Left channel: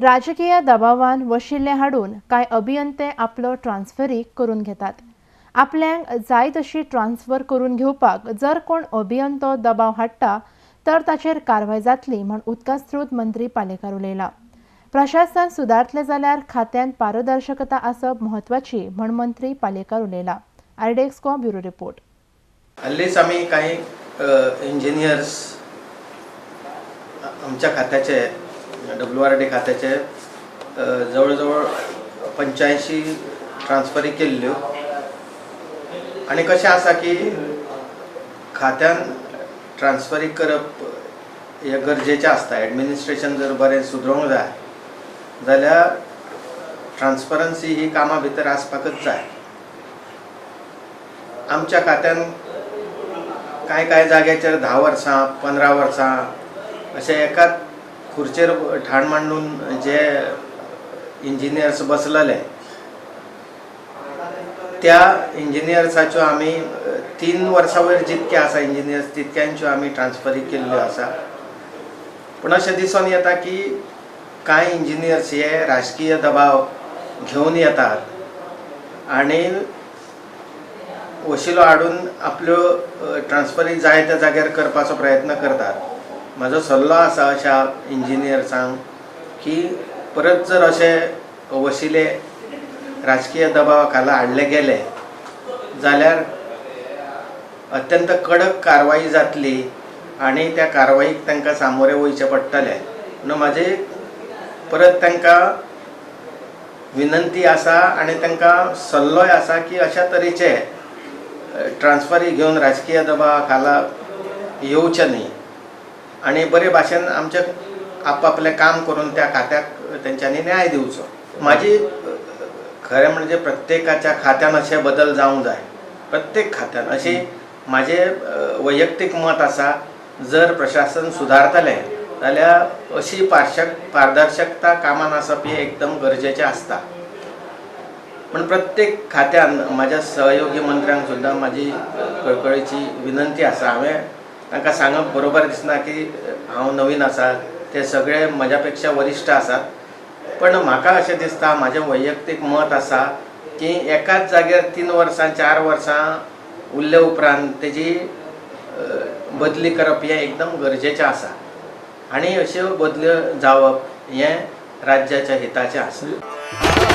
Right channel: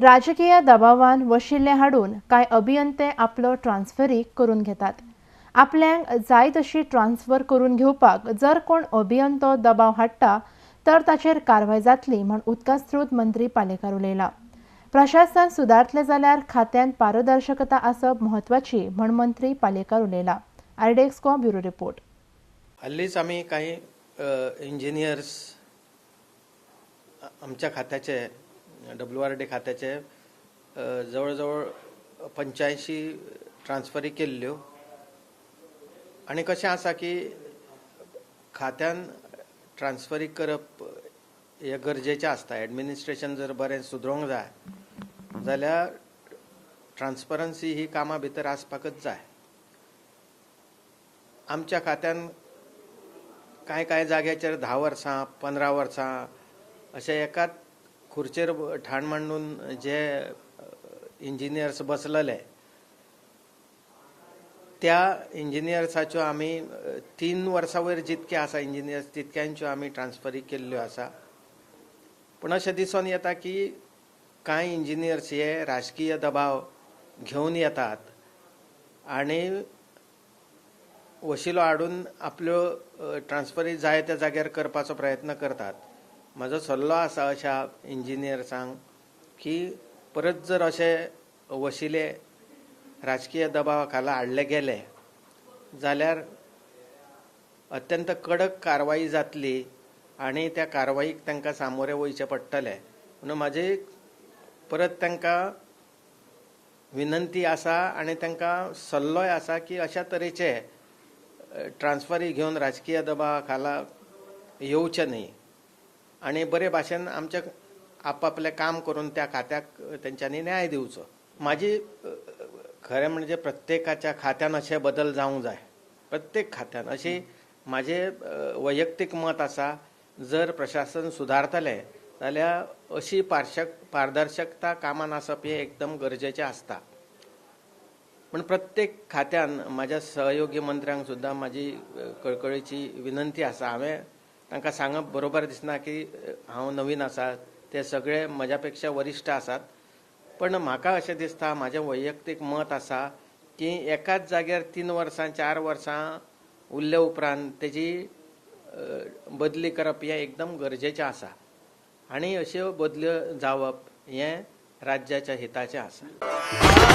राजकीय दबावान वशिले हाडून कांय अभियंते आपलो ट्रान्सफरी करून घेतात। आपल्यांक जाय तशी ट्रान्सफर करून घेवपाक जर कोण अभियंतो दबाव हाडटा तर ताचेर कारवाय जातली म्हण उदका स्रोत मंत्री पालेकार उलयला। प्रशासन सुदारतले जाल्यार खात्यान पारदर्शकता आसप म्हत्वाची म्हण मंत्री पालेकार उलयला। आरडेक्सको ब्युरो रिपोर्ट। हल्लीच आम्ही काही इंजिनियर्स आमच्या खात्याचे WRD खात्याचे जवळजवळ 85 ट्रान्सफरी केल्ल्यो आणि कशें आसा की खात्यान ट्रान्सफरी करप हे गरजेचें आसता। एडमिनिस्ट्रेशन जर बरें सुदरूंक जाय जाल्यार ट्रान्सपरन्सी ही कामां भितर आसपाकच जाय। आमच्या खात्यान काय जाग्याचेर 10 वर्सां 15 वर्सां अशें एकाच खुर्चेर ठाण मांडून जे इंजिनियर्स बसलेले त्या इंजिनियर्साच्यो आमी 3 वर्सां वयर जितके आसा इंजिनियर्स तितक्यांच्यो आमी ट्रान्सफरी केल्ल्यो आसा। पण अशें दिसून येता की कांय इंजिनियर्स हे राजकीय दबाव घेवन येतात आणि वशिलो हाडून आपल्यो ट्रान्सफरी जाय त्या जाग्यार करपाचो प्रयत्न करतात। म्हजो सल्लो आसा अशा इंजिनियर्सांक की परत जर अशे वशिले राजकीय दबावा खाला हाडले गेले जाल्यार अत्यंत कडक कारवाई जातली आणि त्या कारवाईक तांकां सामोरे वयचे पडटले। म्हणून म्हाजी परत तांकां विनंती आसा आणि तांकां सल्लोय आसा की अशा तरेचे ट्रान्सफरी घेवन राजकीय दबावा खाला येवचे न्ही आणि बरे भाशेन आमचे आपापले काम करून त्या खात्याक तेंच्यांनी न्याय दिवचो। माझी खरें म्हणजे प्रत्येकाच्या खात्यान अशे बदल जावंक जाय। प्रत्येक खात्यान अशी माझे वैयक्तिक मत आसा जर प्रशासन सुदारतले जाल्यार अशी पारदर्शकता कामान आसप हे एकदम गरजेचें आसता। पण प्रत्येक खात्यान माझ्या सहयोगी मंत्र्यांक सुद्दां माझी कळकळीची विनंती आसा। हांवें तांकां सांगप बरोबर दिसना की हांव नवीन आसा, ते सगळे म्हज्या पेक्षा वरिश्ठ आसात। पण म्हाका अशें दिसता म्हाजें वैयक्तीक मत आसा की एकाच जाग्यार 3 वर्सां 4 वर्सां उरले उपरांत तेजी बदली करप हें एकदम गरजेचें आसा आणि अश्यो बदल्यो जावप हें राज्याच्या हिताचें आसा।